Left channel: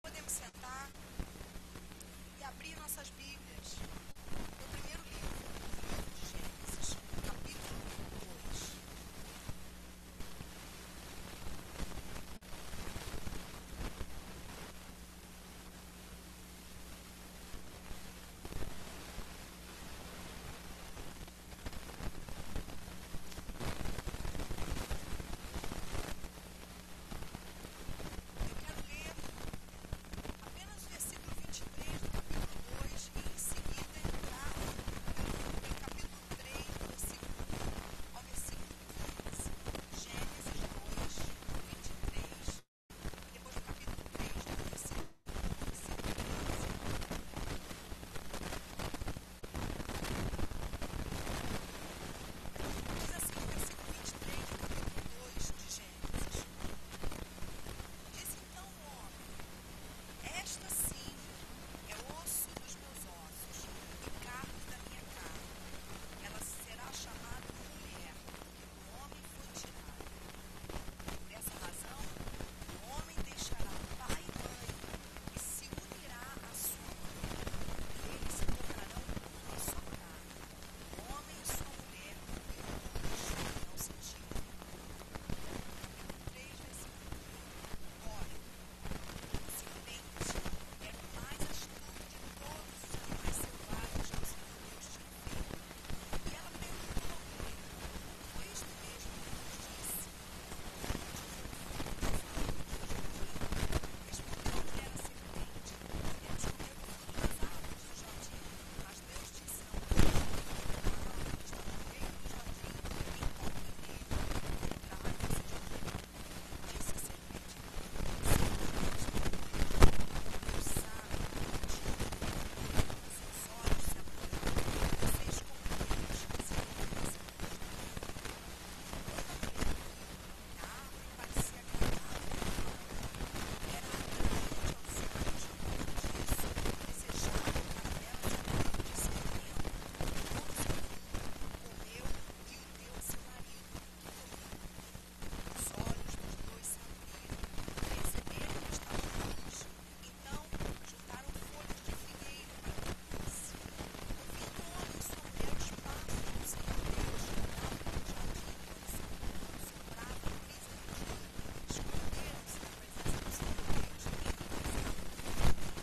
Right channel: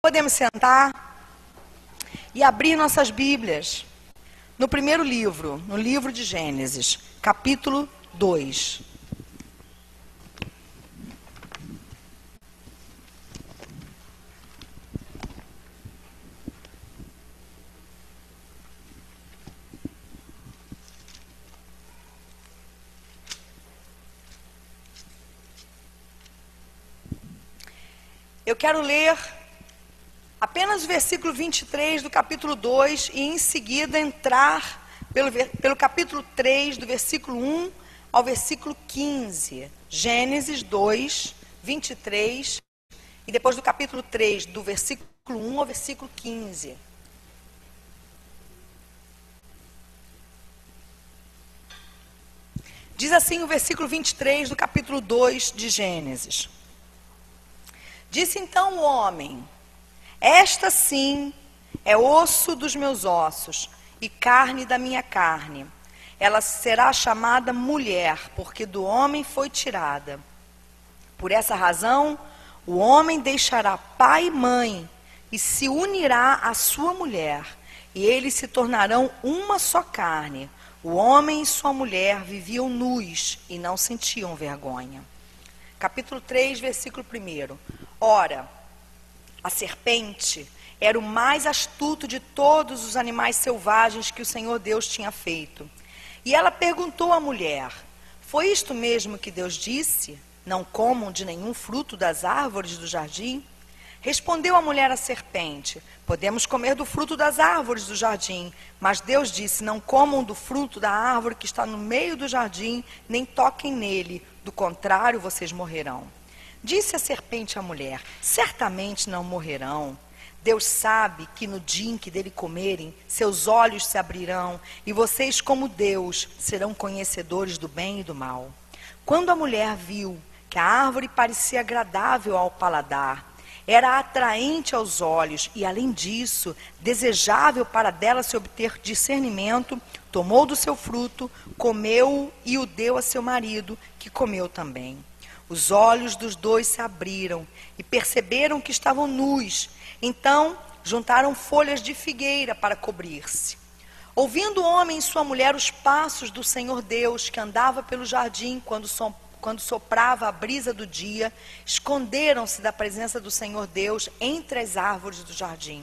Podemos sentar e abrir nossas Bíblias no primeiro livro, no livro de Gênesis, capítulo 2. Eu quero ler apenas o versículo 23 do capítulo 2 e em seguida entrar pelo capítulo 3, do versículo 1 ao versículo 15. Gênesis 2, 23 e depois do capítulo 3, do versículo 1 ao versículo 15. Diz assim o versículo 23 do capítulo 2 de Gênesis. Disse então o homem: esta sim é osso dos meus ossos e carne da minha carne. Ela será chamada mulher, porque do homem foi tirada. Por essa razão, o homem deixará pai e mãe e se unirá à sua mulher, e eles se tornarão uma só carne. O homem e sua mulher viviam nus e não sentiam vergonha. Capítulo 3, versículo 1. Ora, a serpente era o mais astuto de todos os animais selvagens que o Senhor Deus tinha feito. E ela perguntou à mulher: foi isto mesmo que Deus disse? Não comam de nenhum fruto das árvores do jardim? Respondeu a mulher à serpente: podemos comer do fruto das árvores do jardim. Mas Deus disse: não comam do fruto da árvore que está no meio do jardim, nem toquem nele, do contrário vocês morrerão. Disse a serpente à mulher: certamente não morrerão. Deus sabe que no dia em que dele comerem, seus olhos se abrirão, e vocês, como Deus, serão conhecedores do bem e do mal. Quando a mulher viu que a árvore parecia agradável ao paladar, era atraente aos olhos e, além disso, desejável para dela se obter discernimento, tomou do seu fruto, comeu e o deu a seu marido, que comeu também. Os olhos dos dois se abriram e perceberam que estavam nus. Então, juntaram folhas de figueira para cobrir-se. Ouvindo o homem e sua mulher os passos do Senhor Deus, que andava pelo jardim quando soprava a brisa do dia, esconderam-se da presença do Senhor Deus entre as árvores do jardim.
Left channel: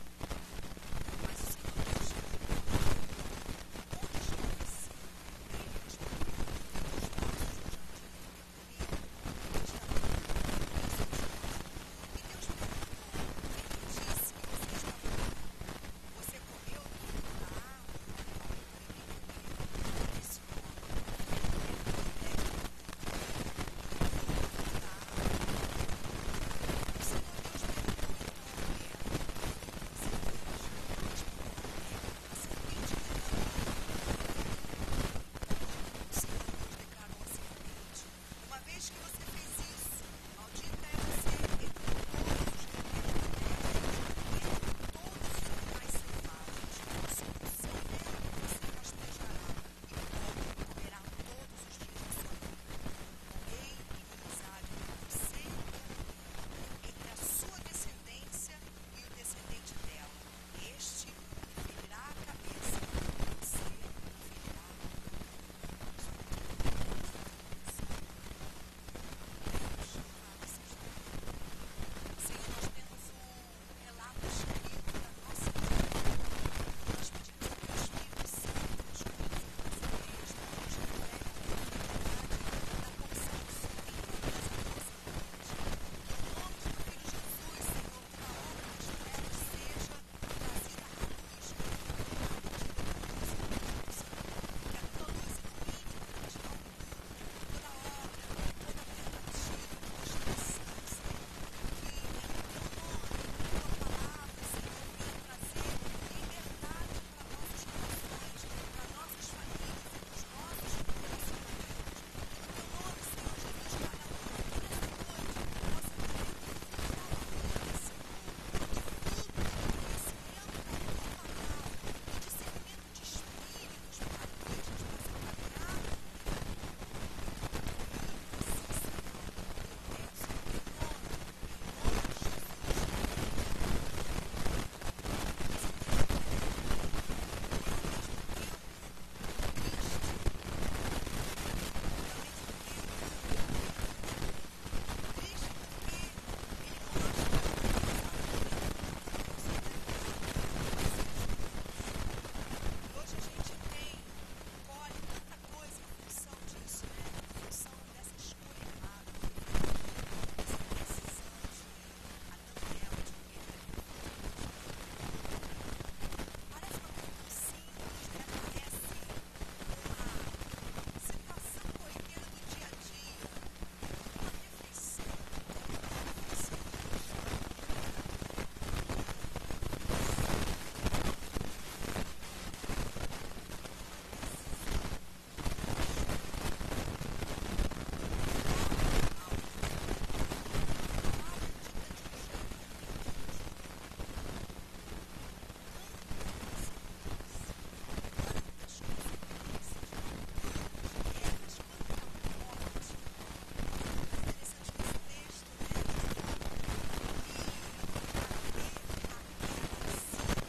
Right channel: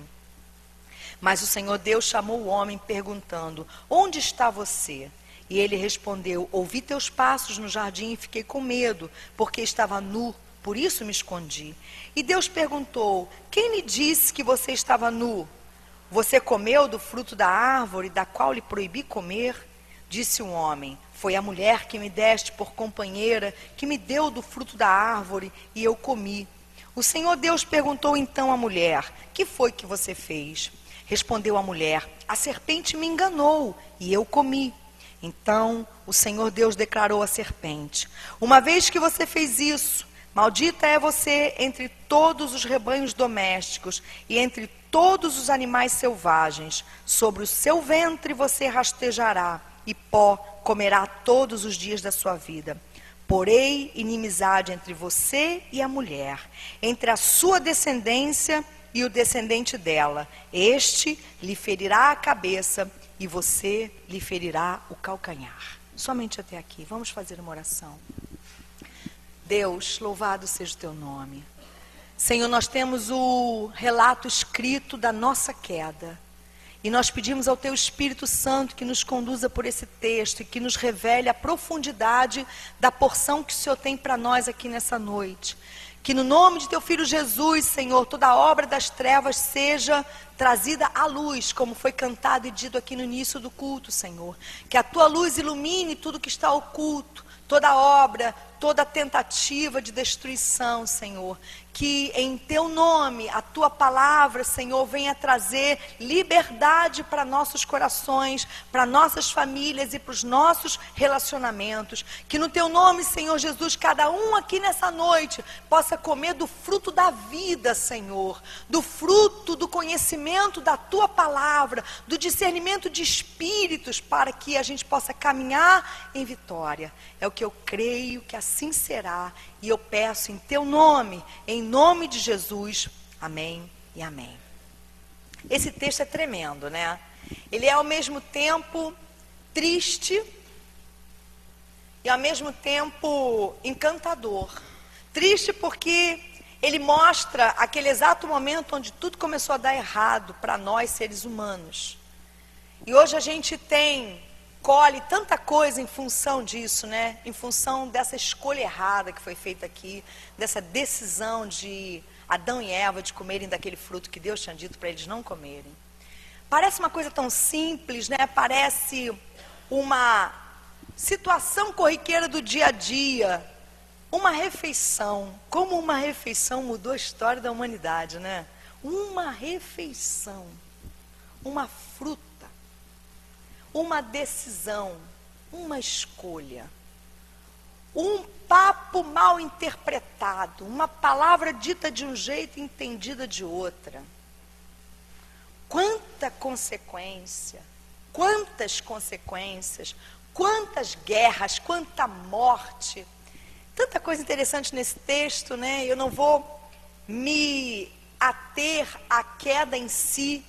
Mas o Senhor Deus chamou o homem, perguntando: onde está você? E ele respondeu: ouvi teus passos no jardim e fiquei com medo, porque estava nu, por isso me escondi. E Deus perguntou: quem lhe disse que você estava nu? Você comeu do fruto da árvore da qual lhe proibi comer? Disse o homem: foi a mulher que me deste por companheira, que me deu do fruto da árvore, e eu comi. O Senhor Deus perguntou então à mulher: que foi que você fez? Respondeu a mulher: a serpente me enganou, e eu comi. Então o Senhor Deus declarou à serpente: uma vez que você fez isso, maldita é você entre todos os rebanhos domésticos e entre todos os animais selvagens. Sobre o seu ventre você rastejará, e pó comerá todos os dias da sua vida. Porei inimizade entre você e a mulher, entre a sua descendência e o descendente dela. Este lhe ferirá a cabeça e você lhe ferirá o calcanhar. Somente até aqui. Vamos fazer uma oração. Deus, louvado seja o teu nome. Senhor, nós temos o relato escrito da nossa queda. E nós pedimos ao teu Espírito Santo que nos conduza por esse texto e que nos revele a profundidade da porção que o Senhor tem para nós aqui nessa noite. Que no nome de teu Filho Jesus, Senhor, toda a obra das trevas seja trazida à luz, como foi cantado e dito aqui no início do culto, Senhor. Que a tua luz ilumine tudo que está oculto, toda obra, toda tentativa de destruição, Senhor. Que em teu nome, a tua palavra, Senhor, venha trazer liberdade para nossos corações, para nossas famílias e para os nossos relacionamentos. Que no teu nome, Senhor Jesus, cada um aqui nessa noite possa comer do fruto da vida, Senhor, do fruto do conhecimento da tua palavra, do discernimento de espíritos, para que a gente possa caminhar em vitória. É o que eu creio que assim será. E eu peço em teu nome, em nome de Jesus. Amém e amém. Esse texto é tremendo, né? Ele é ao mesmo tempo triste e ao mesmo tempo encantador. Triste porque ele mostra aquele exato momento onde tudo começou a dar errado para nós, seres humanos. E hoje a gente colhe tanta coisa em função disso, né? Em função dessa escolha errada que foi feita aqui, dessa decisão de Adão e Eva de comerem daquele fruto que Deus tinha dito para eles não comerem. Parece uma coisa tão simples, né? Parece uma situação corriqueira do dia a dia. Uma refeição. Como uma refeição mudou a história da humanidade, né? Uma refeição. Uma fruta. Uma decisão. Uma escolha. Um papo mal interpretado. Uma palavra dita de um jeito e entendida de outra. Quanta consequência. Quantas consequências. Quantas guerras. Quanta morte. Tanta coisa interessante nesse texto, né? Eu não vou me ater à queda em si,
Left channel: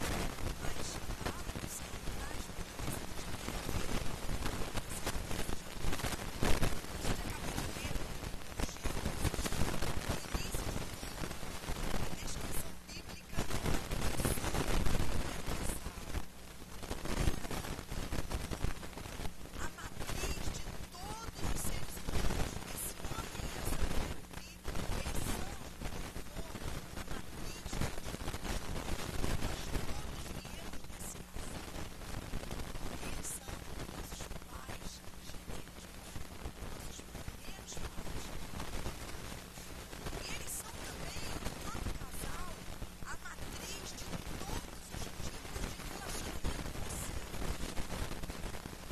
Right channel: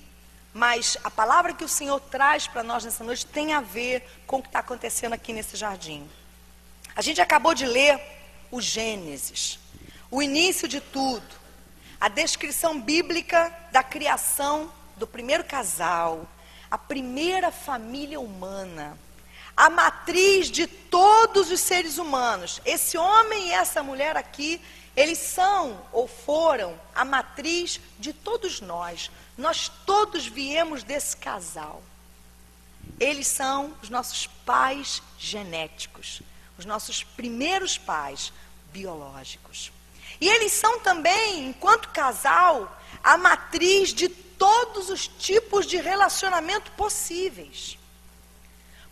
mas a palavra que o Senhor traz para nós nessa noite tem a ver com o que está acontecendo aqui nesse jardim. A gente acabou de ler o Gênesis, o início de tudo, a descrição bíblica da criação do primeiro casal, a primeira família humana. A matriz de todos os seres humanos. Esse homem e essa mulher aqui, eles são ou foram a matriz de todos nós. Nós todos viemos desse casal. Eles são os nossos pais genéticos, os nossos primeiros pais biológicos. E eles são também, enquanto casal, a matriz de todos os tipos de relacionamento possíveis.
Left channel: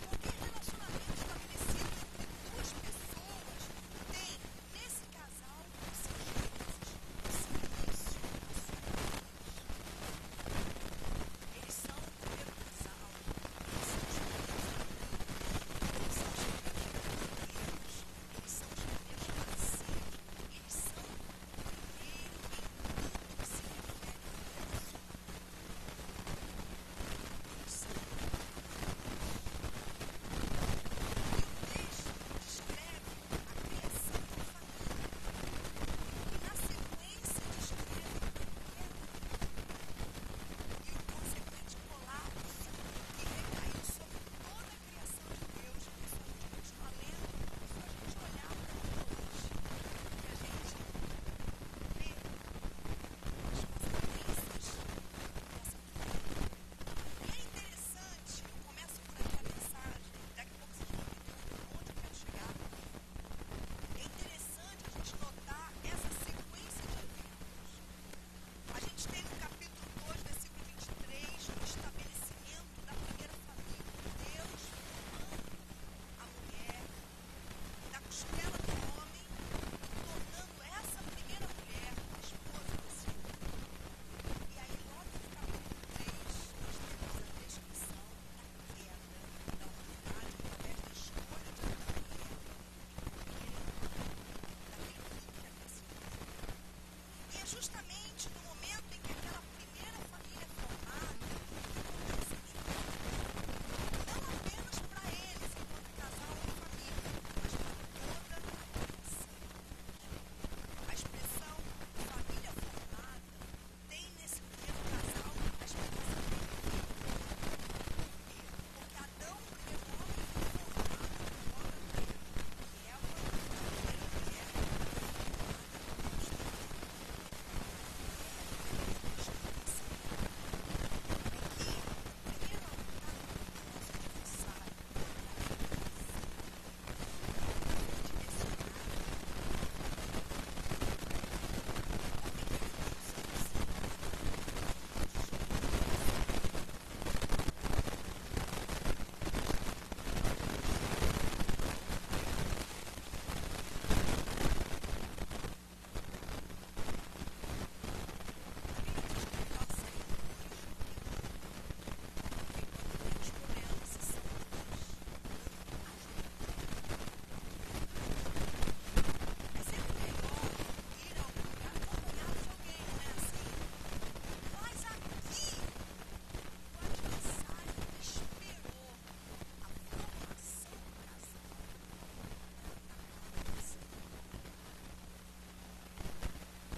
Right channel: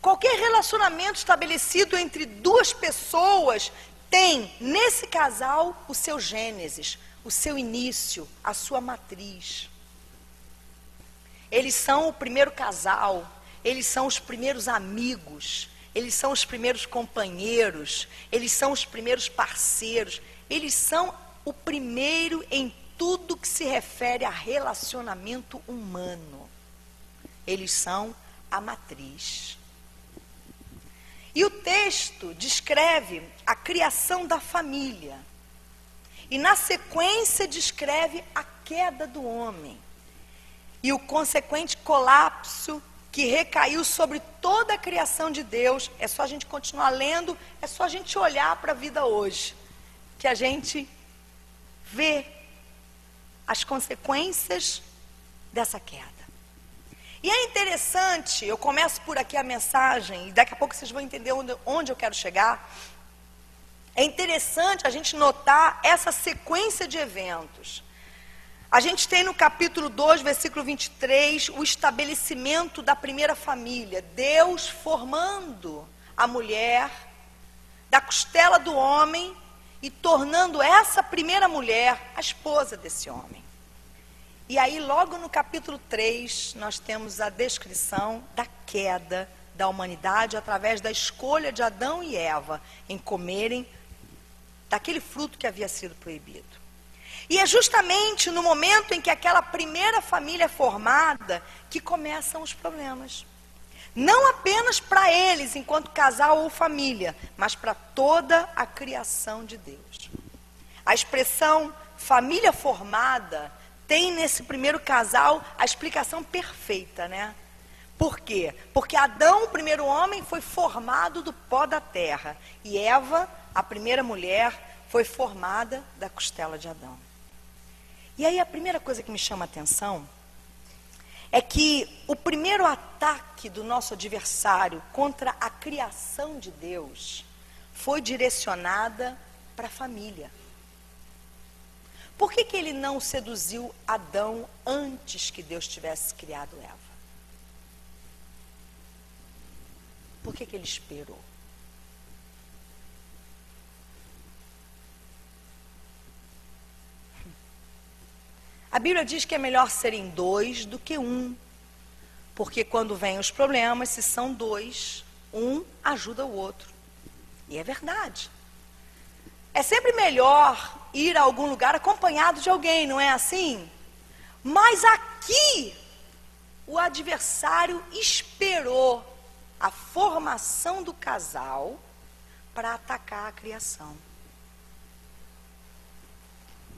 Qualquer relacionamento estabelecido entre duas pessoas tem, nesse casal, o seu gênesis, o seu início, a sua matriz. Eles são o primeiro casal, eles são os primeiros amigos, eles são os primeiros companheiros, eles são os primeiros parceiros, eles são o primeiro em tudo que se refere a relacionamento humano. Eles são a matriz. E o texto descreve a criação da família. E na sequência descreve a queda do homem. E o consequente colapso que recaiu sobre toda a criação de Deus. É só a gente continuar lendo, é só a gente olhar para a vida hoje, que a gente vê as consequências dessa queda. E é interessante, eu começo por aqui a mensagem, e daqui a pouco vocês vão entender onde eu quero chegar. É interessante a gente notar essa sequência de eventos. A gente tem no capítulo 2, versículo 23, o estabelecimento da primeira família. Deus formando a mulher da costela do homem e tornando essa primeira mulher a esposa desse homem. E aí, logo no capítulo 3, nós temos a descrição da queda da humanidade através da escolha de Adão e Eva em comerem daquele fruto que havia sido proibido. E é justamente no momento em que aquela primeira família é formada que começam os problemas. Não apenas para eles, enquanto casal ou família, mas para toda a criação de Deus. A expressão família formada tem nesse primeiro casal a explicação perfeita, né? Por quê? Porque Adão, o primeiro homem, foi formado do pó da terra. E Eva, a primeira mulher, foi formada da costela de Adão. E aí a primeira coisa que me chama a atenção é que o primeiro ataque do nosso adversário contra a criação de Deus foi direcionada para a família. Por que ele não seduziu Adão antes que Deus tivesse criado Eva? Por que ele esperou? A Bíblia diz que é melhor serem dois do que um. Porque quando vêm os problemas, se são dois, um ajuda o outro. E é verdade. É sempre melhor ir a algum lugar acompanhado de alguém, não é assim? Mas aqui, o adversário esperou a formação do casal para atacar a criação.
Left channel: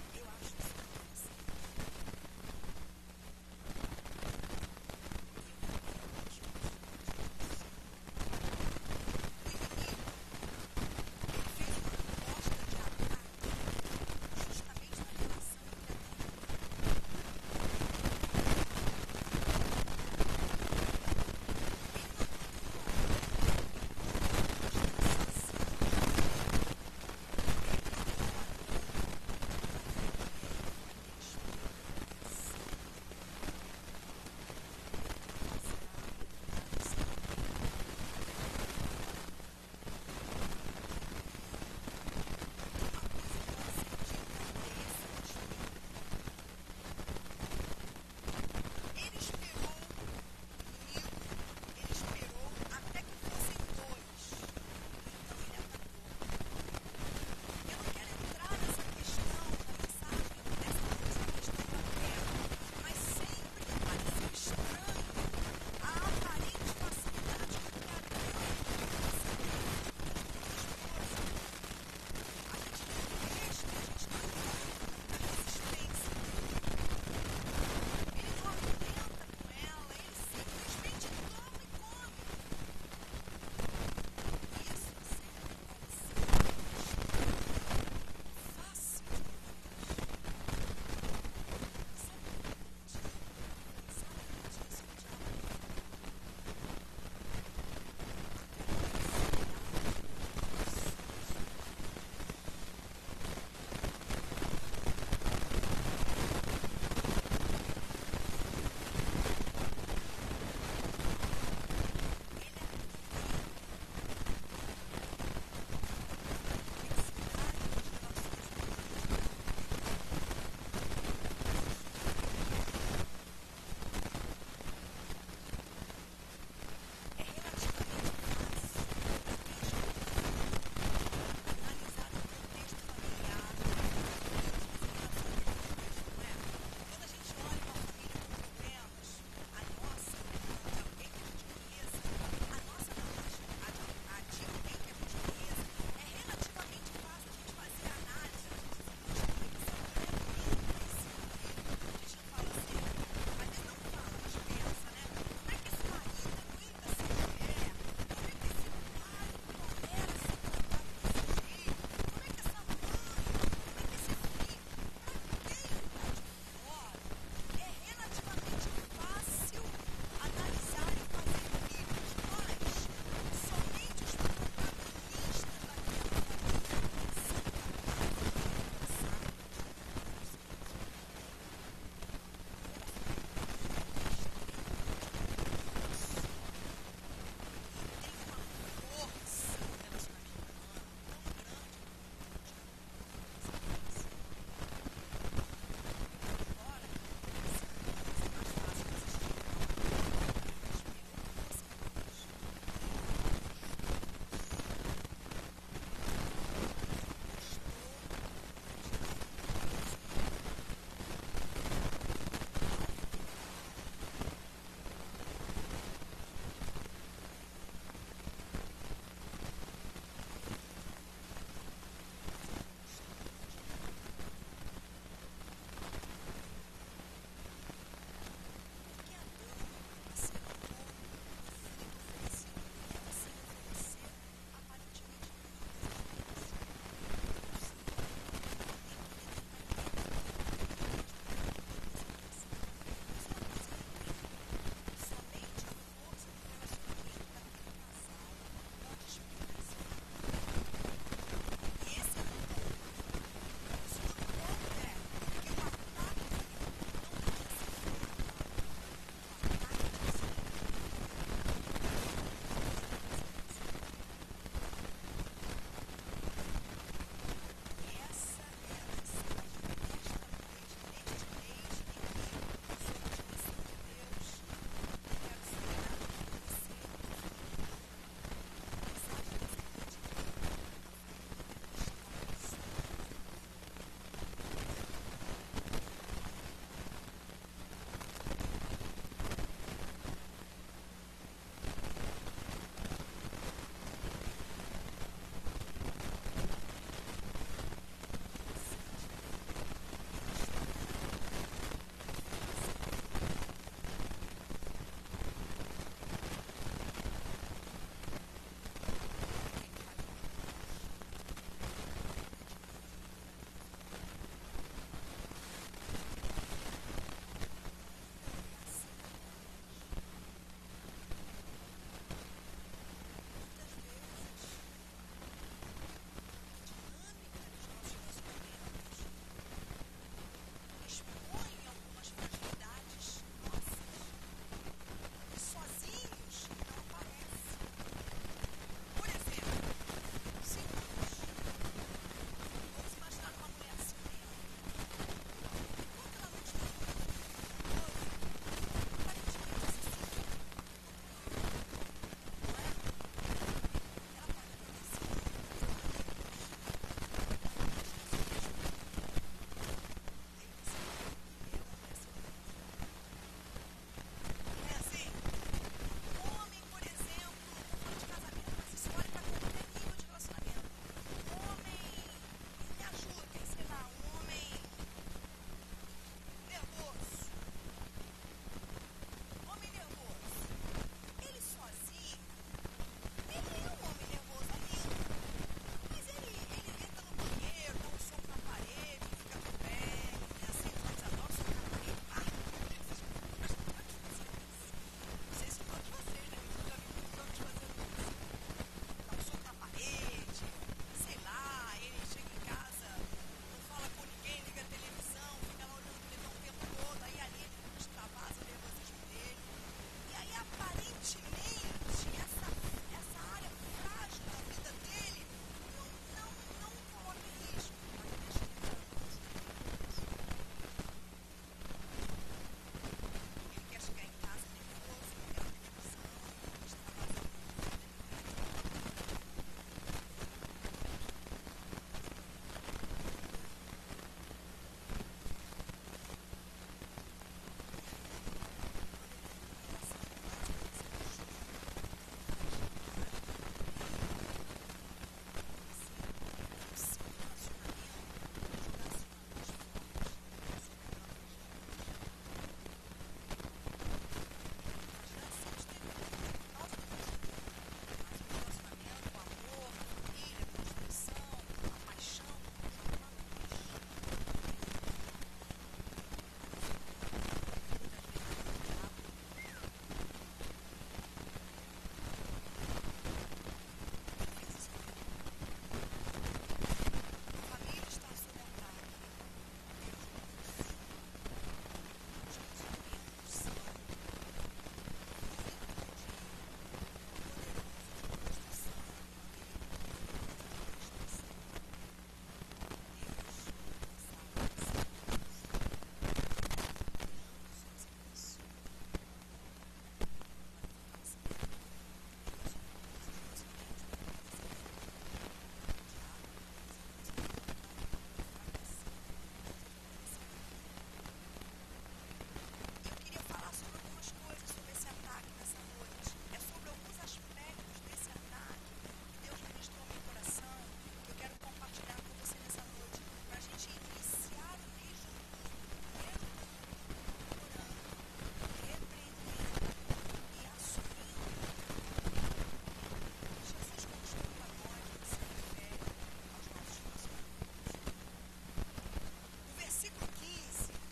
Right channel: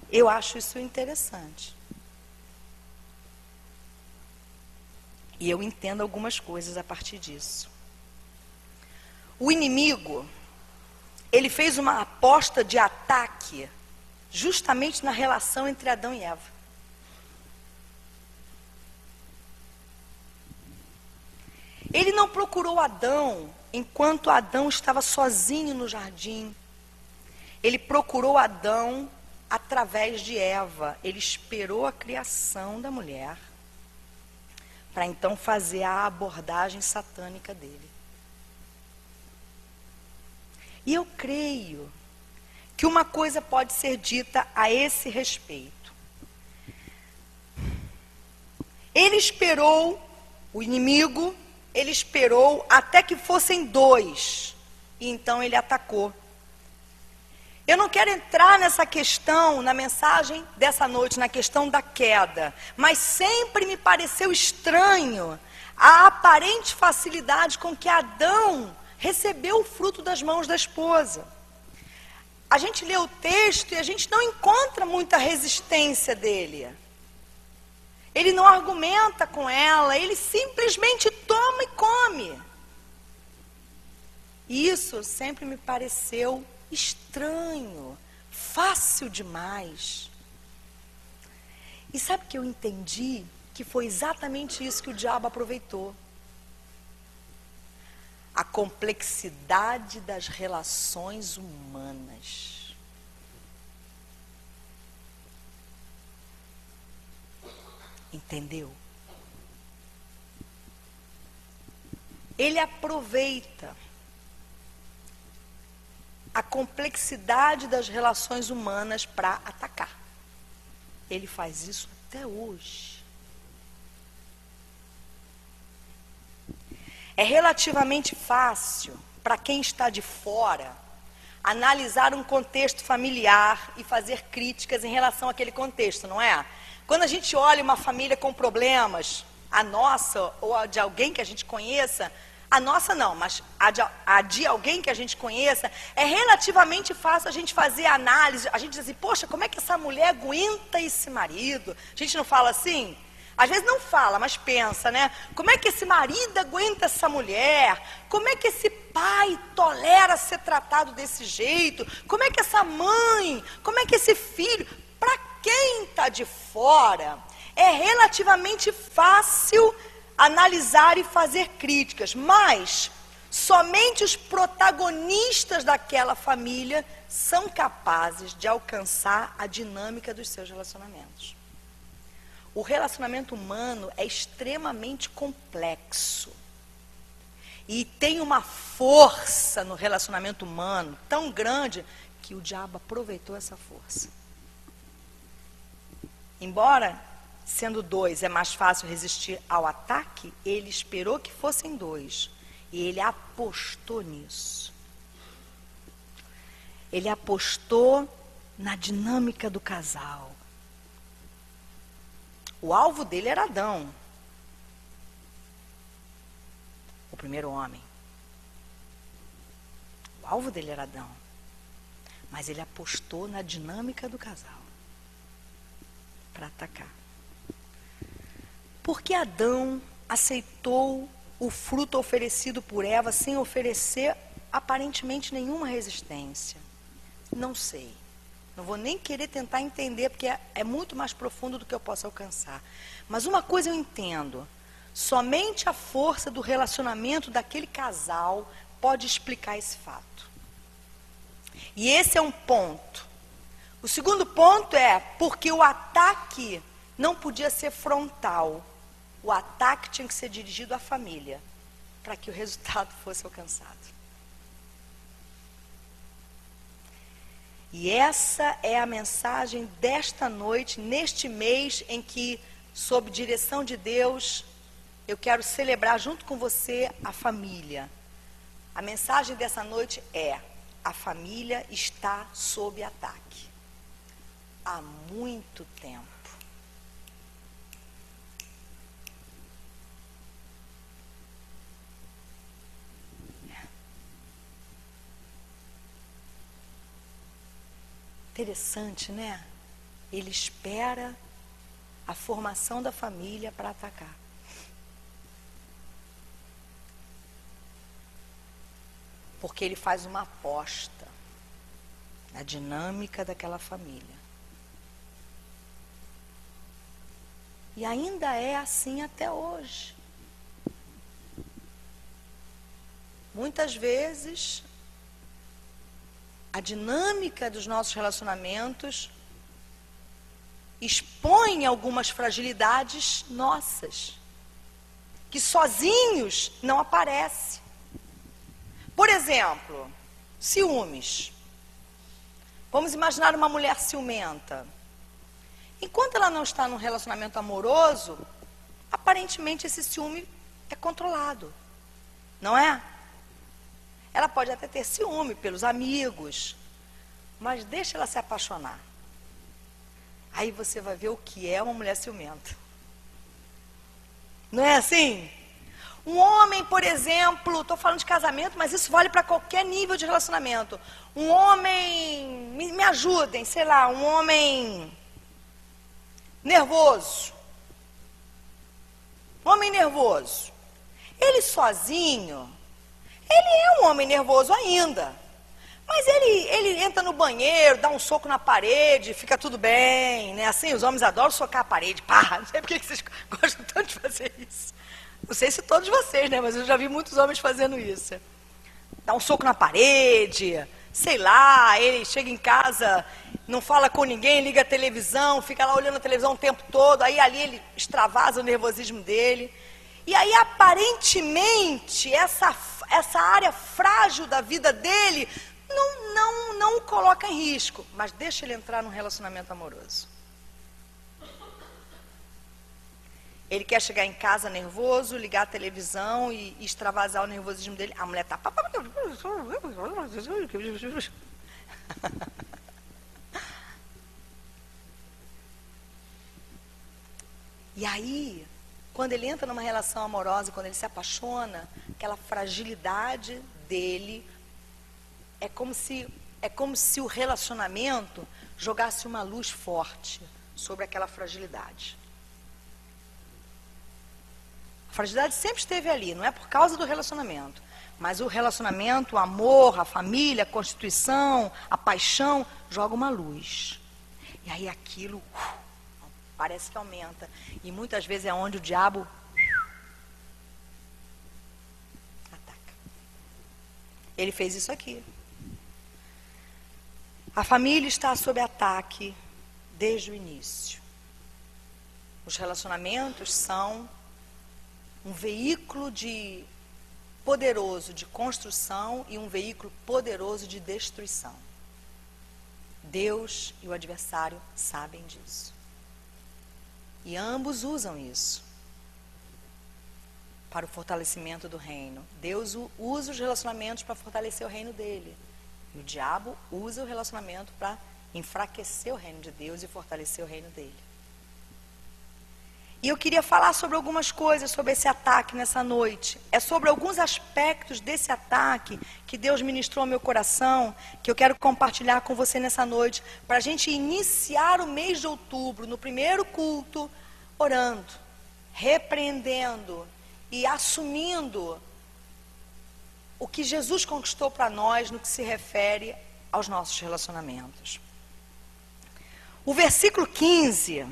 Eu acho isso interessante. E eu entendo algumas coisas a partir disso. O inimigo, ele fez uma aposta de ataque justamente na relação entre Adão e Eva. Ele não procurou Adão enquanto Adão estava sozinho no jardim. Ele procurou Adão através de Eva. Ele esperou a criação da mulher para então fazer a abordagem satânica dele. E eu creio que uma coisa pode ser dita a esse respeito. Ele esperou, o inimigo, ele esperou até que fossem dois, e então ele atacou. Eu não quero entrar nessa questão, na mensagem dessa noite, na questão da queda, mas sempre me pareceu estranho a aparente facilidade com que Adão recebeu o fruto das mãos da esposa. A gente lê o texto e a gente não encontra muita resistência dele. Ele não argumenta com ela, ele simplesmente toma e come. E isso sempre me pareceu estranho, fácil demais. E sabe o que eu entendi? Que foi exatamente isso que o diabo aproveitou. A complexidade das relações humanas. Entendeu? Ele aproveita a complexidade das relações humanas para atacar. Ele faz isso até hoje. É relativamente fácil para quem está de fora analisar um contexto familiar e fazer críticas em relação àquele contexto, não é? Quando a gente olha uma família com problemas, a nossa ou a de alguém que a gente conheça, a nossa não, mas a de alguém que a gente conheça, é relativamente fácil a gente fazer análise, a gente diz assim, poxa, como é que essa mulher aguenta esse marido? A gente não fala assim? Às vezes não fala, mas pensa, né? Como é que esse marido aguenta essa mulher? Como é que esse pai tolera ser tratado desse jeito? Como é que essa mãe? Como é que esse filho? Para quem está de fora, é relativamente fácil analisar e fazer críticas, mas somente os protagonistas daquela família são capazes de alcançar a dinâmica dos seus relacionamentos. O relacionamento humano é extremamente complexo e tem uma força no relacionamento humano tão grande que o diabo aproveitou essa força. Embora sendo dois é mais fácil resistir ao ataque, ele esperou que fossem dois. E ele apostou nisso. Ele apostou na dinâmica do casal. O alvo dele era Adão. O primeiro homem. O alvo dele era Adão. Mas ele apostou na dinâmica do casal. Para atacar. Por que Adão aceitou o fruto oferecido por Eva sem oferecer aparentemente nenhuma resistência? Não sei. Não vou nem querer tentar entender, porque é muito mais profundo do que eu posso alcançar. Mas uma coisa eu entendo. Somente a força do relacionamento daquele casal pode explicar esse fato. E esse é um ponto. O segundo ponto é porque o ataque não podia ser frontal. O ataque tinha que ser dirigido à família, para que o resultado fosse alcançado. E essa é a mensagem desta noite, neste mês em que, sob direção de Deus, eu quero celebrar junto com você a família. A mensagem dessa noite é: a família está sob ataque há muito tempo. Interessante, né? Ele espera a formação da família para atacar. Porque ele faz uma aposta na dinâmica daquela família. E ainda é assim até hoje. Muitas vezes, a dinâmica dos nossos relacionamentos expõe algumas fragilidades nossas, que sozinhos não aparecem. Por exemplo, ciúmes. Vamos imaginar uma mulher ciumenta. Enquanto ela não está num relacionamento amoroso, aparentemente esse ciúme é controlado, não é? Ela pode até ter ciúme pelos amigos, mas deixa ela se apaixonar. Aí você vai ver o que é uma mulher ciumenta. Não é assim? Um homem, por exemplo, estou falando de casamento, mas isso vale para qualquer nível de relacionamento. Um homem, me ajudem, sei lá, um homem nervoso. Um homem nervoso. Ele sozinho, ele é um homem nervoso ainda. Mas ele entra no banheiro, dá um soco na parede, fica tudo bem, né? Assim, os homens adoram socar a parede. Pá, não sei por que vocês gostam tanto de fazer isso. Não sei se todos vocês, né? Mas eu já vi muitos homens fazendo isso. Dá um soco na parede, sei lá, ele chega em casa, não fala com ninguém, liga a televisão, fica lá olhando a televisão o tempo todo, aí ali ele extravasa o nervosismo dele. E aí, aparentemente, essa área frágil da vida dele não o coloca em risco, mas deixa ele entrar num relacionamento amoroso. Ele quer chegar em casa nervoso, ligar a televisão e extravasar o nervosismo dele. A mulher tá... E aí, quando ele entra numa relação amorosa, quando ele se apaixona, aquela fragilidade dele é como se o relacionamento jogasse uma luz forte sobre aquela fragilidade. A fragilidade sempre esteve ali, não é por causa do relacionamento, mas o relacionamento, o amor, a família, a constituição, a paixão, joga uma luz. E aí aquilo parece que aumenta. E muitas vezes é onde o diabo ele fez isso aqui. A família está sob ataque desde o início. Os relacionamentos são um veículo poderoso de construção e um veículo poderoso de destruição. Deus e o adversário sabem disso. E ambos usam isso para o fortalecimento do reino. Deus usa os relacionamentos para fortalecer o reino dele. E o diabo usa o relacionamento para enfraquecer o reino de Deus e fortalecer o reino dele. E eu queria falar sobre algumas coisas sobre esse ataque nessa noite. É sobre alguns aspectos desse ataque que Deus ministrou ao meu coração, que eu quero compartilhar com você nessa noite, para a gente iniciar o mês de outubro, no primeiro culto, orando, repreendendo e assumindo o que Jesus conquistou para nós no que se refere aos nossos relacionamentos. O versículo 15...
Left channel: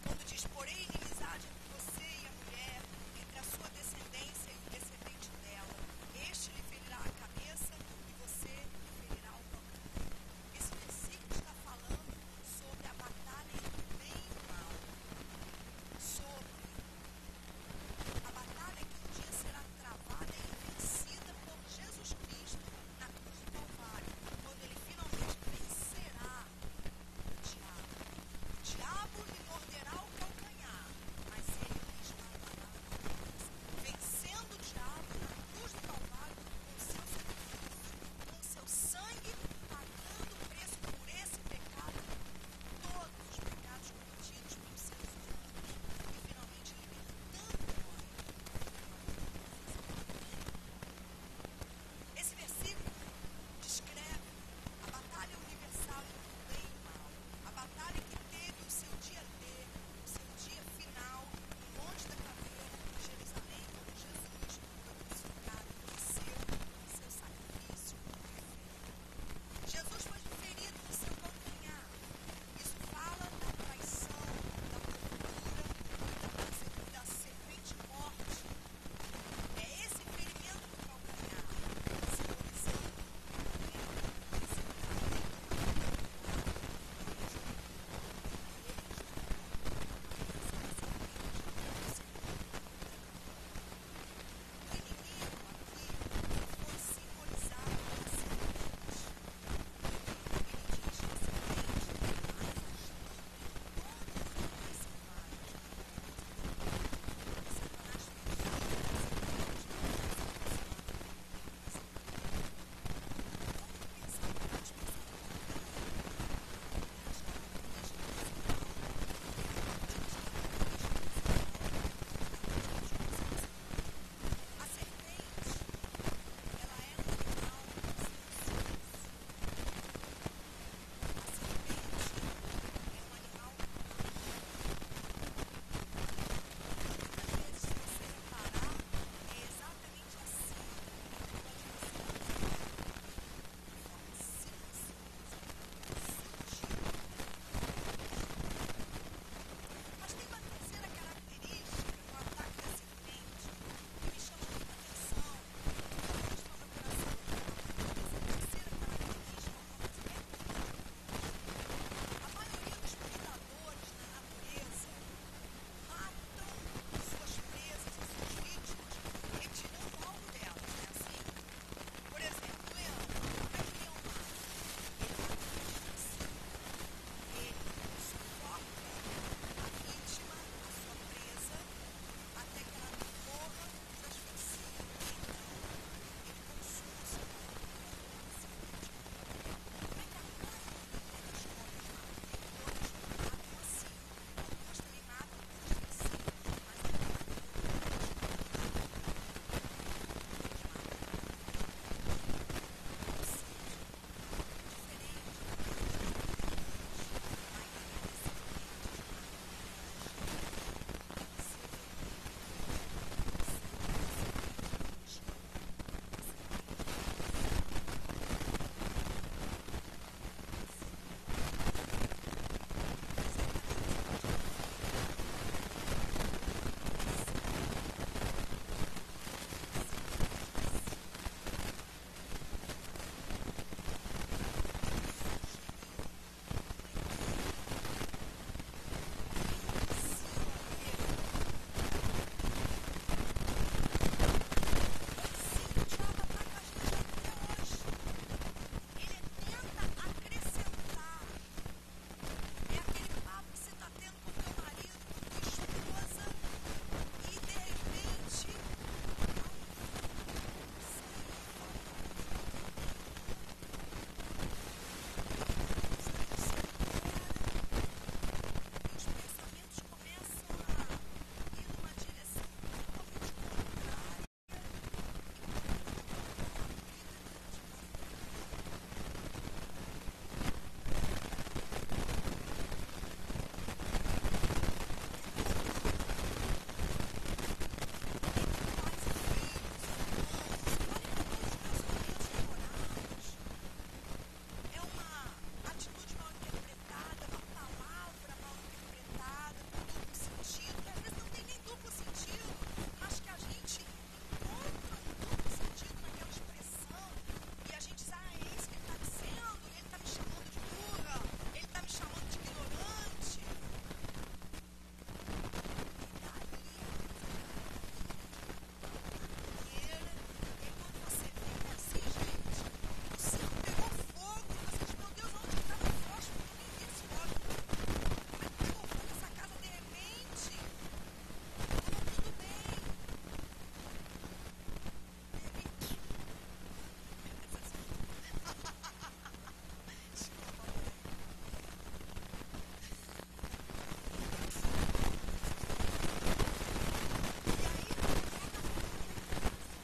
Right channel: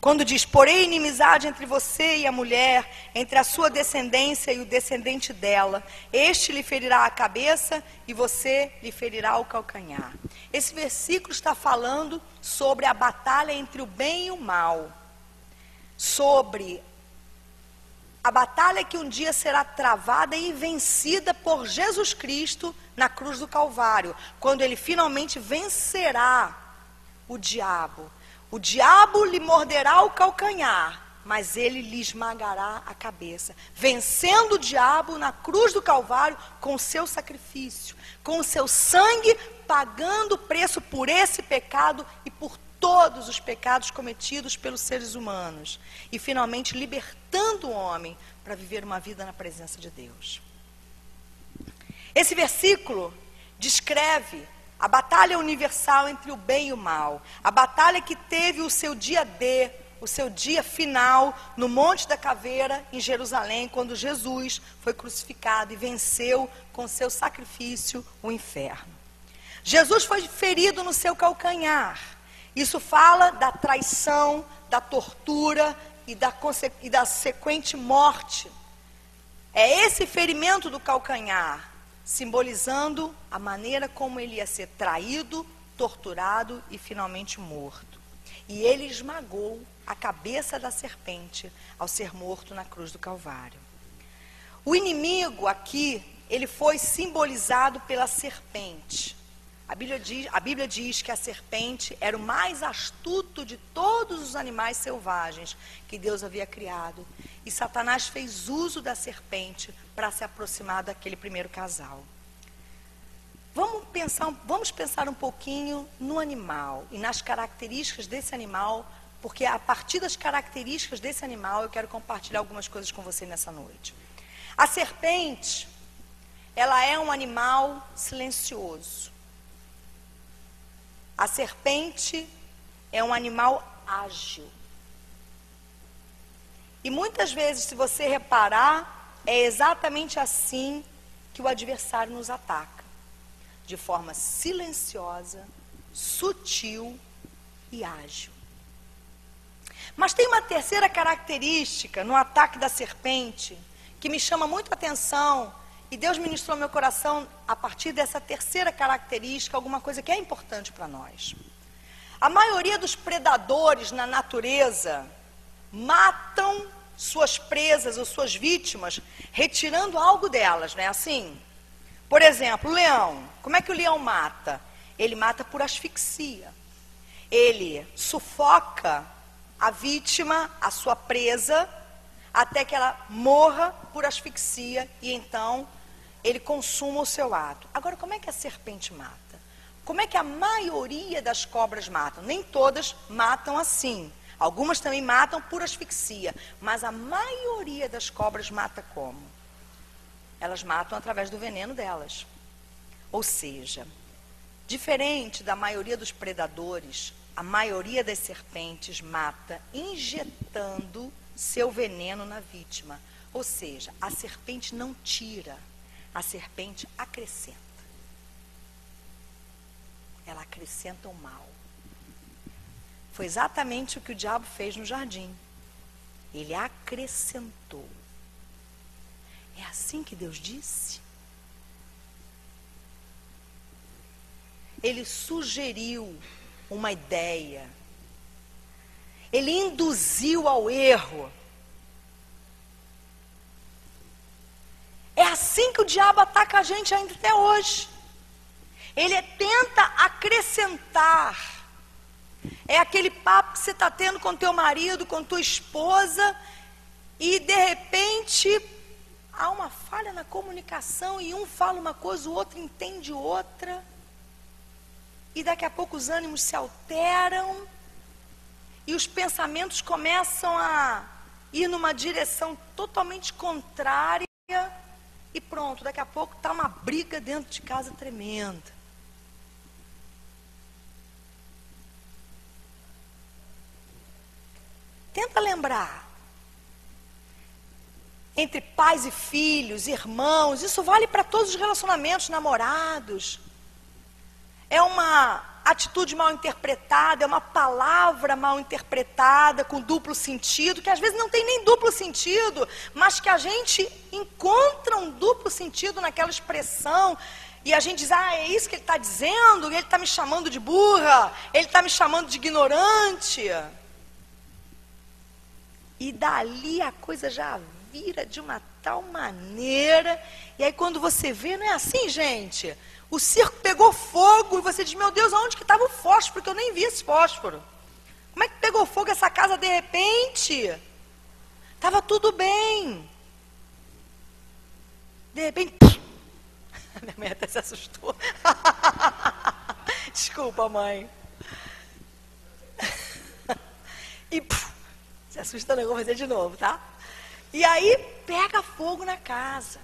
quando diz, porém inimizade entre você e a mulher, entre a sua descendência e o descendente dela, este lhe ferirá a cabeça e você lhe ferirá o calcanhar. Esse versículo está falando sobre a batalha entre o bem e o mal, sobre a batalha que um dia será travada e vencida por Jesus Cristo na cruz do Calvário, quando ele finalmente vencerá o diabo. O diabo lhe morderá o calcanhar, mas ele lhe esmagará a cabeça, vencendo o diabo na cruz do Calvário com o seu sacrifício, com o seu sangue, pagando o preço por esse pecado e por todos os pecados cometidos pelos seres humanos, e finalmente libertando o homem para viver uma vida na presença de Deus. Esse versículo descreve A batalha universal entre o bem e o mal. A batalha que teve o seu dia D, o seu dia final no Monte da Caveira, em Jerusalém, quando Jesus foi crucificado e venceu com seu sacrifício o inferno. Jesus foi ferido no seu calcanhar. Isso fala da traição, da tortura e da sequente morte. É esse ferimento do calcanhar, simbolizando a maneira como ele ia ser traído, torturado e finalmente morto. E ele esmagou a cabeça da serpente ao ser morto na cruz do Calvário. O inimigo aqui, ele foi simbolizado pela serpente. A Bíblia diz que a serpente era o mais astuto de todos os animais selvagens que Deus havia criado. E Satanás fez uso da serpente para se aproximar daquele primeiro casal. Vamos pensar um pouquinho no animal e nas características desse animal, porque a partir das características desse animal eu quero compartilhar algumas coisas com você nessa noite. A serpente, ela é um animal silencioso. A serpente é um animal ágil. E muitas vezes, se você reparar, é exatamente assim que o adversário nos ataca. De forma silenciosa, sutil e ágil. Mas tem uma terceira característica no ataque da serpente que me chama muito a atenção, e Deus ministrou meu coração a partir dessa terceira característica, alguma coisa que é importante para nós. A maioria dos predadores na natureza matam suas presas ou suas vítimas retirando algo delas, não é assim? Por exemplo, o leão. Como é que o leão mata? Ele mata por asfixia. Ele sufoca a vítima, a sua presa, até que ela morra por asfixia e então ele consuma o seu ato. Agora, como é que a serpente mata? Como é que a maioria das cobras matam? Nem todas matam assim. Algumas também matam por asfixia, mas a maioria das cobras mata como? Elas matam através do veneno delas. Ou seja, diferente da maioria dos predadores, a maioria das serpentes mata injetando seu veneno na vítima. Ou seja, a serpente não tira, a serpente acrescenta. Ela acrescenta o mal. Foi exatamente o que o diabo fez no jardim. Ele acrescentou. Assim que Deus disse. Ele sugeriu uma ideia. Ele induziu ao erro. É assim que o diabo ataca a gente ainda até hoje. Ele tenta acrescentar. É aquele papo que você está tendo com teu marido, com tua esposa, e de repente há uma falha na comunicação e um fala uma coisa, o outro entende outra. E daqui a pouco os ânimos se alteram e os pensamentos começam a ir numa direção totalmente contrária e pronto, daqui a pouco está uma briga dentro de casa tremenda. Tenta lembrar. Entre pais e filhos, irmãos, isso vale para todos os relacionamentos, namorados. É uma atitude mal interpretada, é uma palavra mal interpretada, com duplo sentido, que às vezes não tem nem duplo sentido, mas que a gente encontra um duplo sentido naquela expressão, e a gente diz, é isso que ele está dizendo, ele está me chamando de burra, ele está me chamando de ignorante. E dali a coisa já vira de uma tal maneira, e aí quando você vê, não é assim, gente? O circo pegou fogo e você diz, meu Deus, aonde que estava o fósforo? Porque eu nem vi esse fósforo. Como é que pegou fogo essa casa de repente? Estava tudo bem. De repente, minha mãe até se assustou. Desculpa, mãe. E se assustando, eu vou fazer de novo, tá? E aí pega fogo na casa.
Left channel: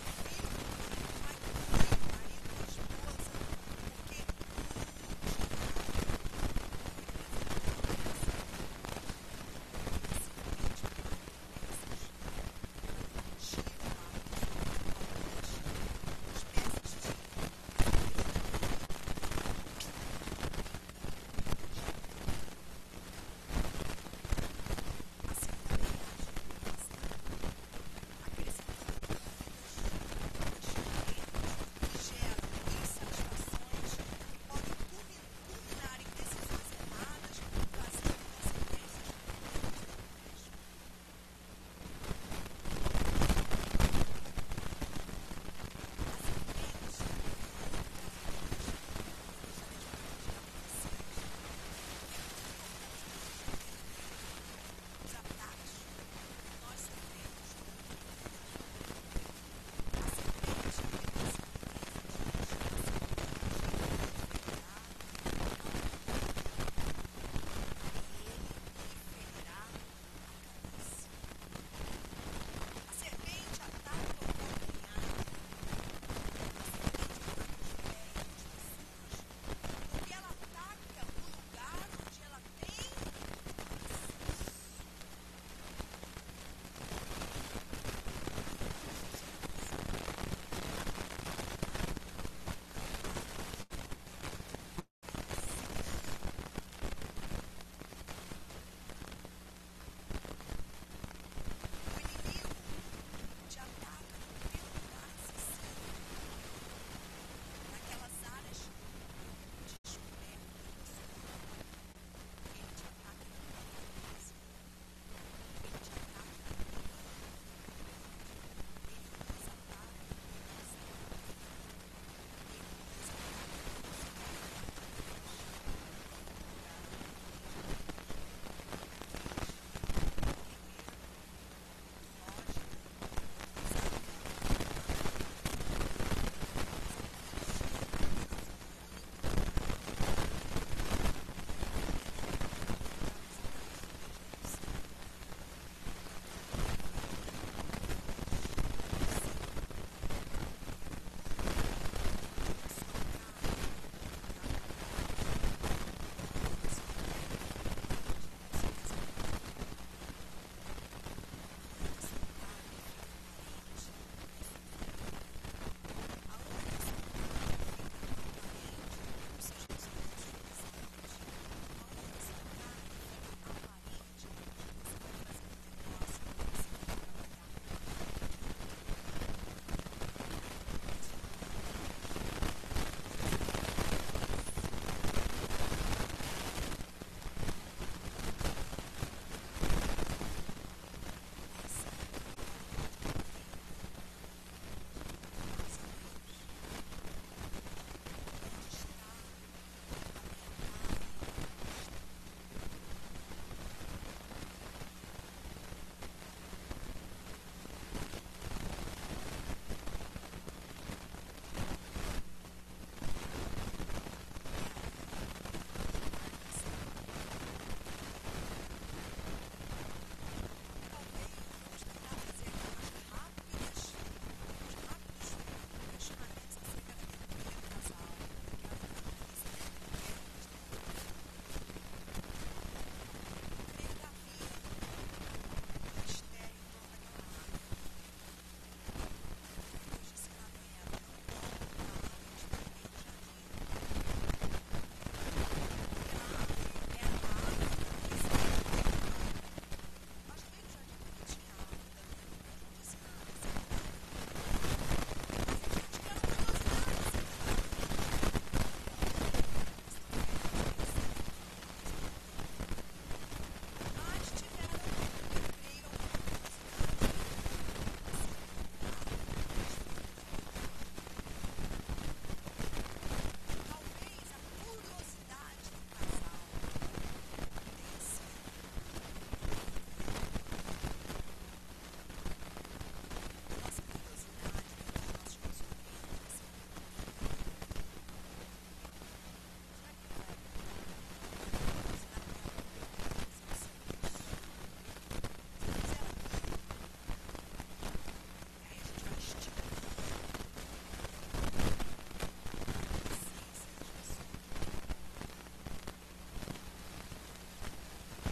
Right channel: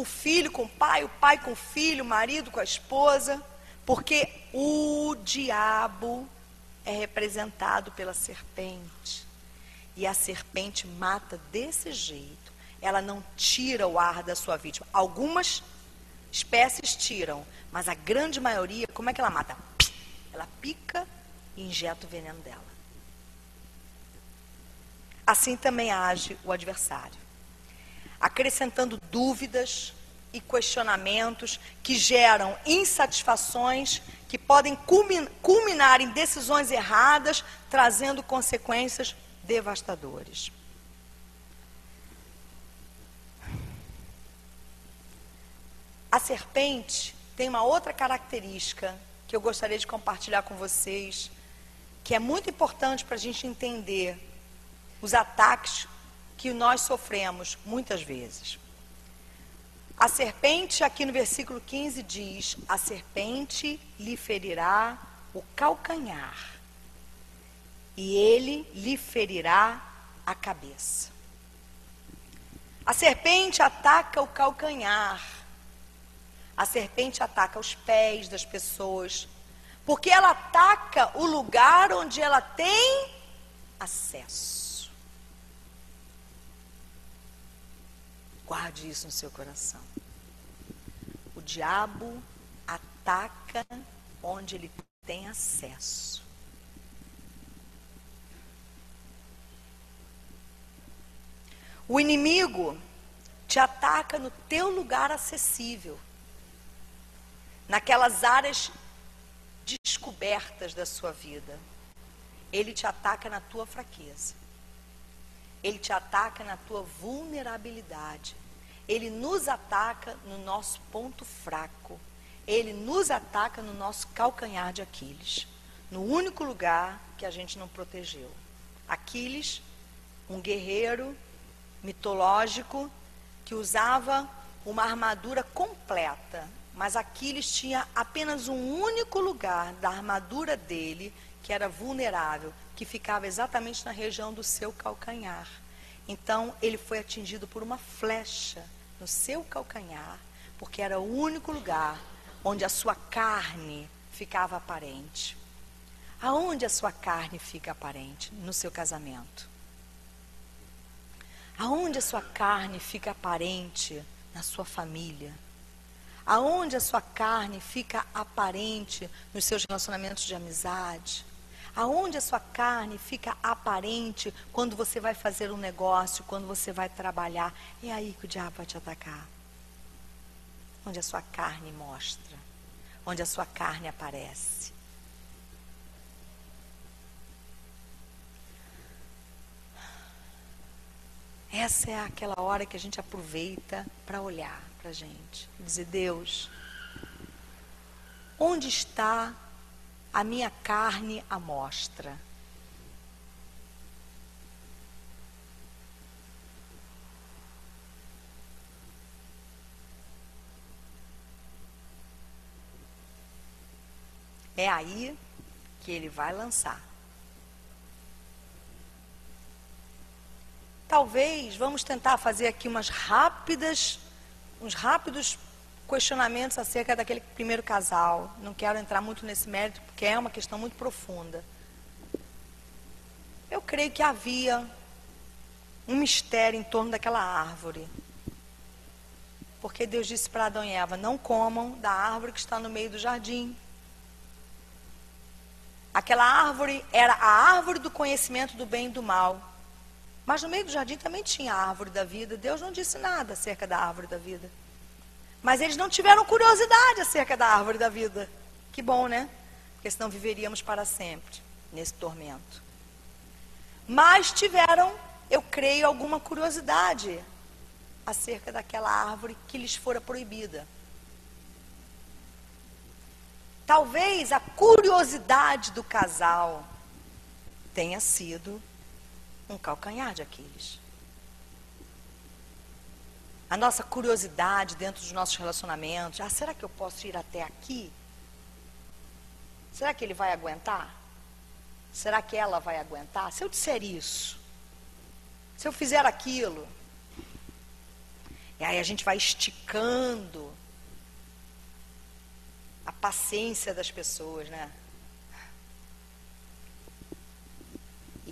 o filho com o pai com o filho, o marido com a esposa, porque o diabo é representado pela serpente. E a serpente mata desse jeito. Ela não tira o ar da sua vítima. Algumas espécies tiram, mas a grande maioria, como é que ela mata? Ela pica e injeta o veneno dela. Assim também age o adversário, acrescentando dúvidas e questionamentos que geram insatisfações que podem culminar em decisões erradas, trazendo consequências devastadoras. A serpente tem uma outra característica que eu gostaria de compartilhar com vocês, que é muito importante para a gente entender os ataques que nós sofremos muitas vezes. A serpente, aqui no versículo 15, diz: a serpente lhe ferirá o calcanhar e ele lhe ferirá a cabeça. A serpente ataca o calcanhar. A serpente ataca os pés das pessoas, porque ela ataca o lugar onde ela tem acesso. Guarde isso no seu coração. O diabo ataca onde ele tem acesso. O inimigo te ataca no teu lugar acessível, naquelas áreas descobertas da sua vida. Ele te ataca na tua fraqueza. Ele te ataca na tua vulnerabilidade. Ele nos ataca no nosso ponto fraco. Ele nos ataca no nosso calcanhar de Aquiles, no único lugar que a gente não protegeu. Aquiles, um guerreiro mitológico que usava uma armadura completa, mas Aquiles tinha apenas um único lugar da armadura dele que era vulnerável, que ficava exatamente na região do seu calcanhar. Então ele foi atingido por uma flecha no seu calcanhar, porque era o único lugar onde a sua carne ficava aparente. Aonde a sua carne fica aparente? No seu casamento. Aonde a sua carne fica aparente? Na sua família. Aonde a sua carne fica aparente? Nos seus relacionamentos de amizade. Aonde a sua carne fica aparente quando você vai fazer um negócio, quando você vai trabalhar. É aí que o diabo vai te atacar. Onde a sua carne mostra. Onde a sua carne aparece. Essa é aquela hora que a gente aproveita para olhar para a gente. Dizer: Deus, onde está a minha carne à mostra? É aí que ele vai lançar. Talvez vamos tentar fazer aqui uns rápidos questionamentos acerca daquele primeiro casal. Não quero entrar muito nesse mérito, porque é uma questão muito profunda. Eu creio que havia um mistério em torno daquela árvore. Porque Deus disse para Adão e Eva: não comam da árvore que está no meio do jardim. Aquela árvore era a árvore do conhecimento do bem e do mal. Mas no meio do jardim também tinha a árvore da vida. Deus não disse nada acerca da árvore da vida. Mas eles não tiveram curiosidade acerca da árvore da vida. Que bom, né? Porque senão viveríamos para sempre nesse tormento. Mas tiveram, eu creio, alguma curiosidade acerca daquela árvore que lhes fora proibida. Talvez a curiosidade do casal tenha sido um calcanhar de Aquiles. A nossa curiosidade dentro dos nossos relacionamentos. Será que eu posso ir até aqui? Será que ele vai aguentar? Será que ela vai aguentar? Se eu disser isso, se eu fizer aquilo. E aí a gente vai esticando a paciência das pessoas, né?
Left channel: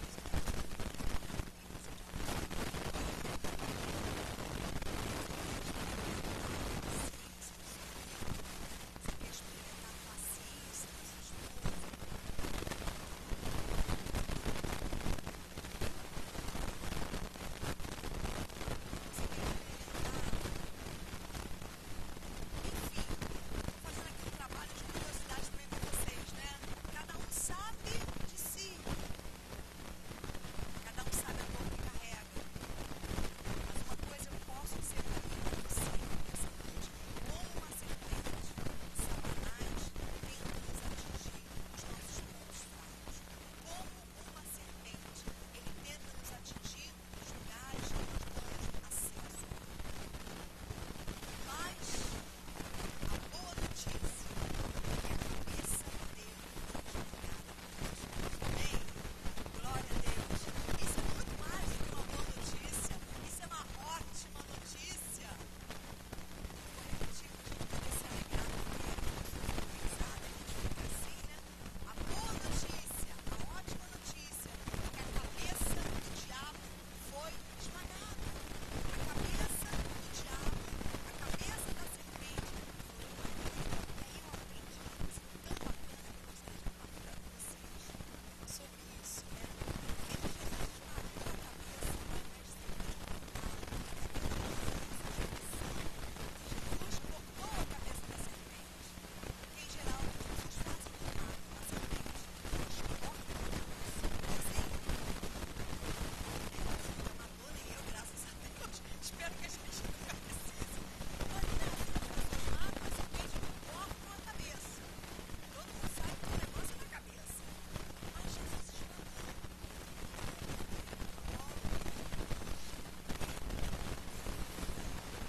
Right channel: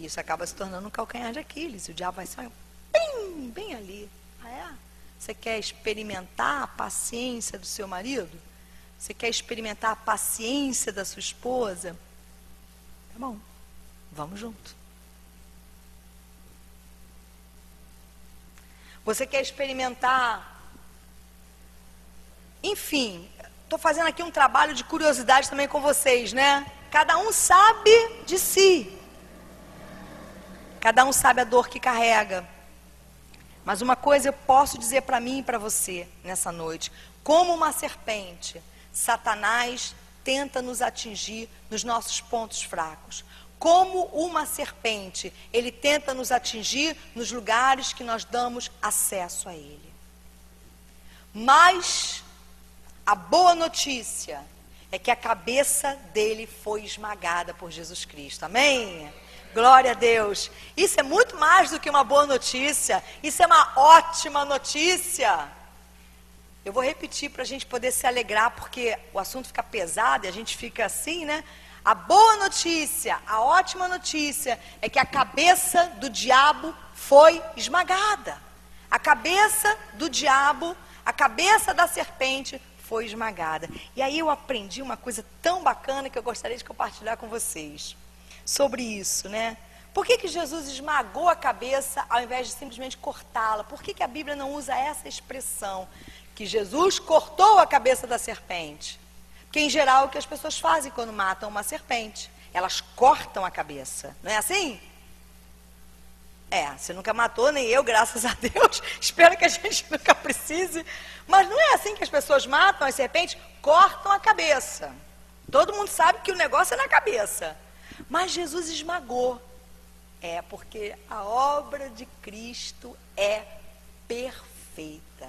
E isso acaba se tornando um calcanhar de Aquiles. E o diabo vai sair bem ali. Você quer experimentar a paciência do seu marido? Você quer experimentar a paciência da sua esposa? Bom, vamos junto. Você quer experimentar... Enfim, estou fazendo aqui um trabalho de curiosidade também com vocês, né? Cada um sabe de si. Cada um sabe a dor que carrega. Mas uma coisa eu posso dizer para mim e para você nessa noite. Como uma serpente, Satanás tenta nos atingir nos nossos pontos fracos. Como uma serpente, ele tenta nos atingir nos lugares que nós damos acesso a ele. Mas a boa notícia é que a cabeça dele foi esmagada por Jesus Cristo. Amém? Glória a Deus. Isso é muito mais do que uma boa notícia. Isso é uma ótima notícia. Eu vou repetir para a gente poder se alegrar, porque o assunto fica pesado e a gente fica assim, né? A boa notícia, a ótima notícia é que a cabeça do diabo foi esmagada. A cabeça do diabo, a cabeça da serpente foi esmagada. E aí eu aprendi uma coisa tão bacana que eu gostaria de compartilhar com vocês sobre isso, né? Por que Jesus esmagou a cabeça ao invés de simplesmente cortá-la? Por que a Bíblia não usa essa expressão? Que Jesus cortou a cabeça da serpente. Que em geral é o que as pessoas fazem quando matam uma serpente. Elas cortam a cabeça. Não é assim? Você nunca matou, nem eu, graças a Deus. Espero que a gente nunca precise. Mas não é assim que as pessoas matam as serpentes? Cortam a cabeça. Todo mundo sabe que o negócio é na cabeça. Mas Jesus esmagou. Porque a obra de Cristo é perfeita.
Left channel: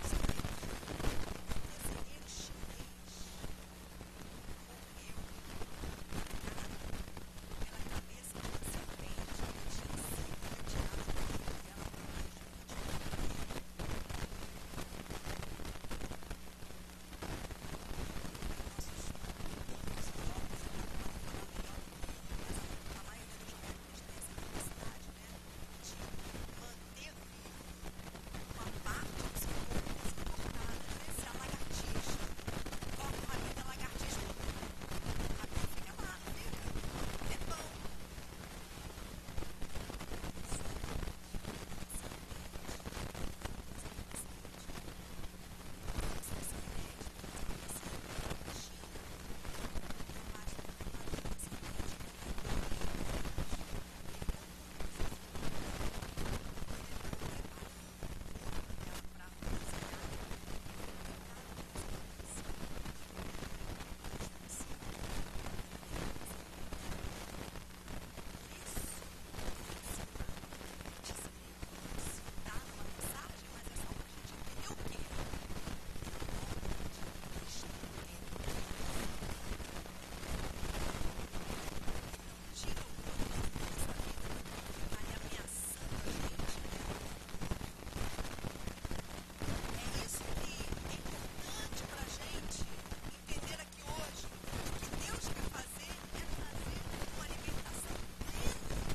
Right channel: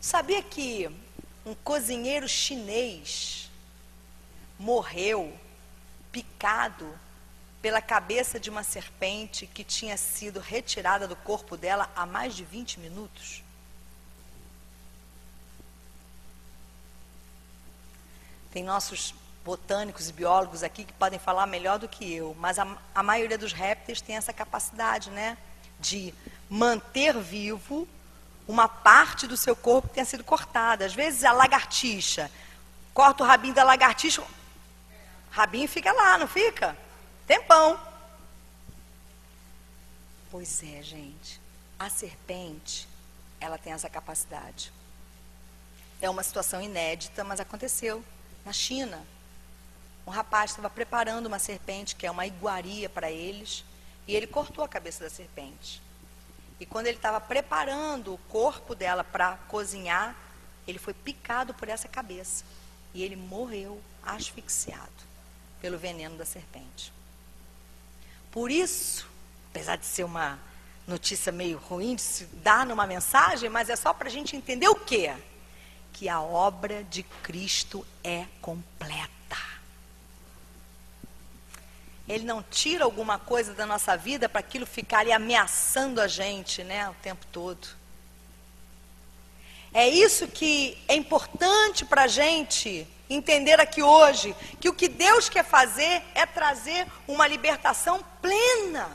Sabia que um cozinheiro chinês morreu picado pela cabeça de uma serpente que tinha sido retirada do corpo dela há mais de 20 minutos? Tem nossos botânicos e biólogos aqui que podem falar melhor do que eu, mas a maioria dos répteis tem essa capacidade, né, de manter vivo uma parte do seu corpo que tenha sido cortada. Às vezes a lagartixa, corta o rabinho da lagartixa, o rabinho fica lá, não fica? Tempão. Pois é, gente, a serpente, ela tem essa capacidade. É uma situação inédita, mas aconteceu na China. Um rapaz estava preparando uma serpente, que é uma iguaria para eles, e ele cortou a cabeça da serpente. E quando ele estava preparando o corpo dela para cozinhar, ele foi picado por essa cabeça. E ele morreu asfixiado pelo veneno da serpente. Por isso, apesar de ser uma notícia meio ruim de se dar numa mensagem, mas é só para a gente entender o quê? Que a obra de Cristo é completa. Ele não tira alguma coisa da nossa vida para aquilo ficar ali ameaçando a gente, né, o tempo todo. É isso que é importante para a gente entender aqui hoje, que o que Deus quer fazer é trazer uma libertação plena.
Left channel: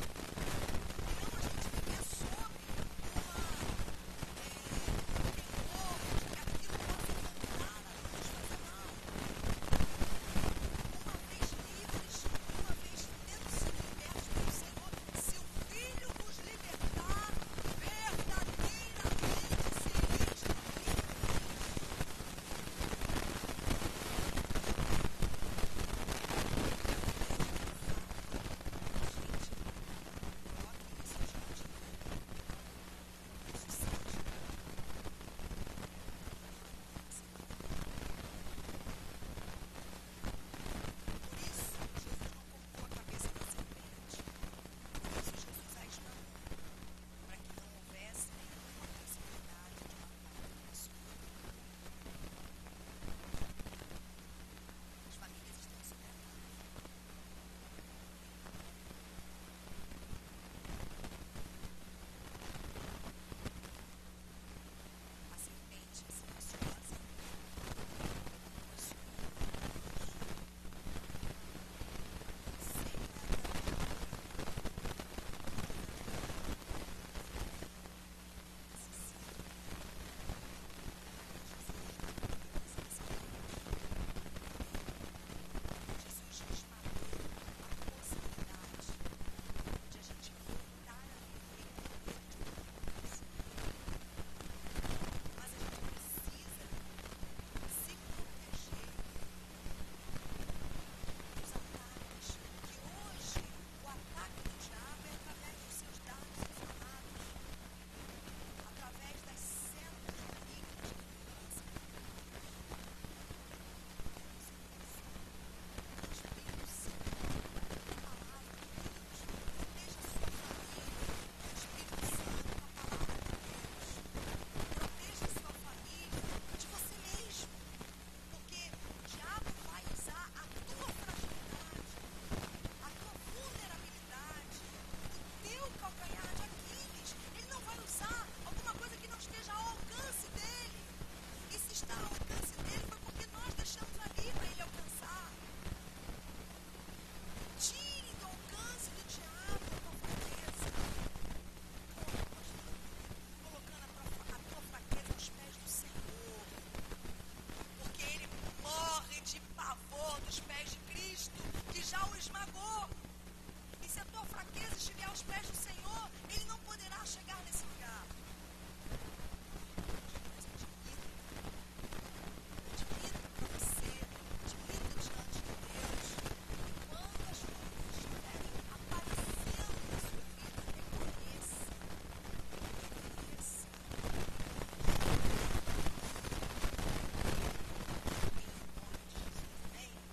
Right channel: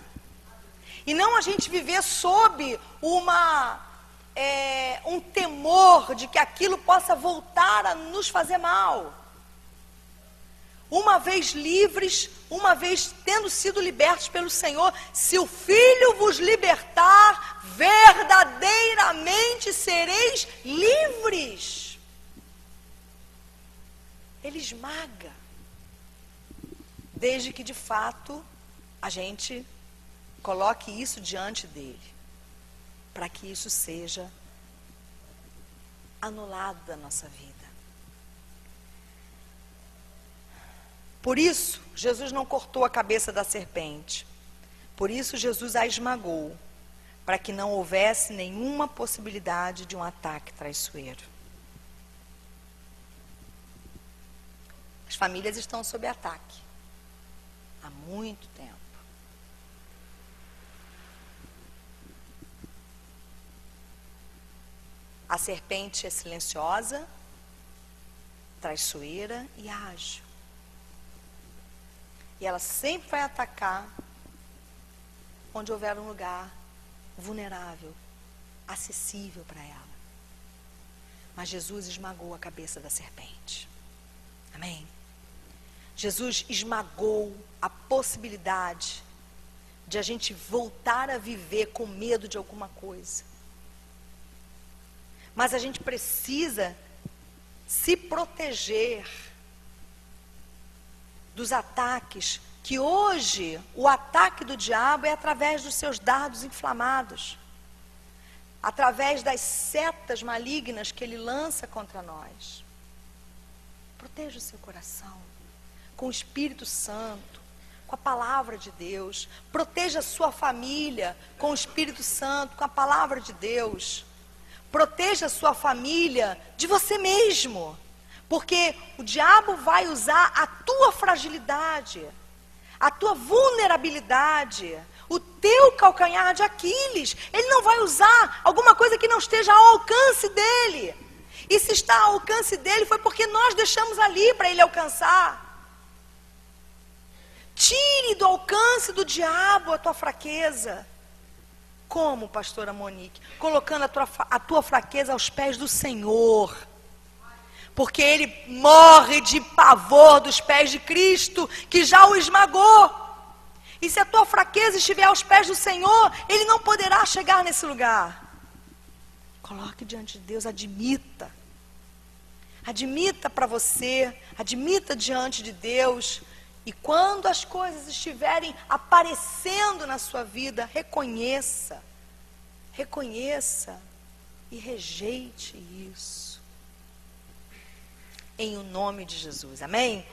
E não a gente viver sob um temor de que aquilo possa voltar a nos fazer mal. Uma vez livres, uma vez tendo sido libertos pelo Senhor, se o Filho vos libertar, verdadeiramente sereis livres. Ele esmaga. Desde que de fato a gente coloque isso diante dele, para que isso seja anulado da nossa vida. Por isso, Jesus não cortou a cabeça da serpente. Por isso, Jesus a esmagou, para que não houvesse nenhuma possibilidade de um ataque traiçoeiro. As famílias estão sob ataque há muito tempo. A serpente é silenciosa, traiçoeira e ágil. E ela sempre vai atacar onde houver um lugar vulnerável, acessível para ela. Mas Jesus esmagou a cabeça da serpente. Amém? Jesus esmagou a possibilidade de a gente voltar a viver com medo de alguma coisa. Mas a gente precisa se proteger dos ataques, que hoje o ataque do diabo é através dos seus dardos inflamados, através das setas malignas que ele lança contra nós. Proteja o seu coração com o Espírito Santo, com a palavra de Deus. Proteja a sua família com o Espírito Santo, com a palavra de Deus. Proteja a sua família de você mesmo, porque o diabo vai usar a tua fragilidade, a tua vulnerabilidade, o teu calcanhar de Aquiles. Ele não vai usar alguma coisa que não esteja ao alcance dele. E se está ao alcance dele, foi porque nós deixamos ali para ele alcançar. Tire do alcance do diabo a tua fraqueza. Como, pastora Monique? Colocando a tua fraqueza aos pés do Senhor. Porque ele morre de pavor dos pés de Cristo, que já o esmagou. E se a tua fraqueza estiver aos pés do Senhor, ele não poderá chegar nesse lugar. Coloque diante de Deus, admita. Admita para você, admita diante de Deus. E quando as coisas estiverem aparecendo na sua vida, reconheça e rejeite isso. Em o nome de Jesus, amém?